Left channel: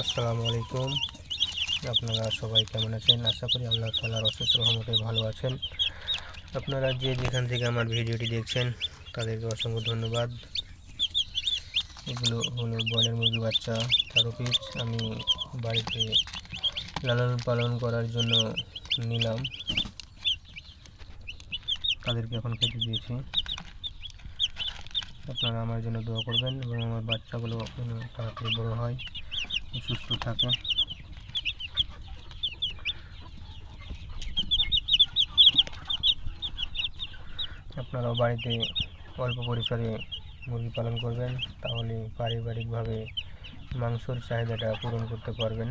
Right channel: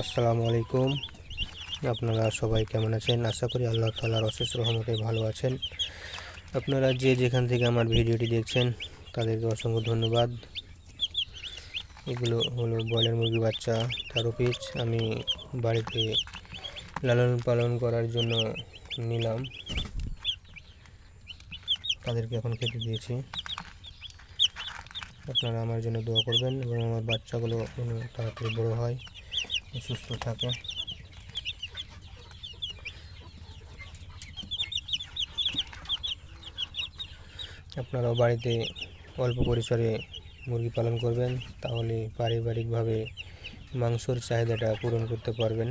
আসসালামু আলাইকুম। আপনারা সবাই কেমন আছেন? আশা করি আল্লাহ তালার অশেষ রহমতে ভালো আছেন। আপনারা যে যেখান থেকে আমার ভিডিওটি দেখছেন, তাদেরকে অসংখ্য ধন্যবাদ। এগুলো হলো বয়লার মুরগি বাচ্চা তেরো আমি বাড়িতে লালন পালন করার জন্য নিলাম। তাদেরকে এখন খেতে দিয়েছি। আপনারা আমার জন্য দোয়া করবেন এবং আমার বাচ্চাগুলো তাড়াতাড়ি বড় হয়। সুস্থ থাকে। আপনারাও বাড়িতে অল্প পরিসরে মুরগি পালন করবেন, তাহলে পারিবারিকভাবে মাংসর চাহিদাটা পূরণ করতে পারবেন।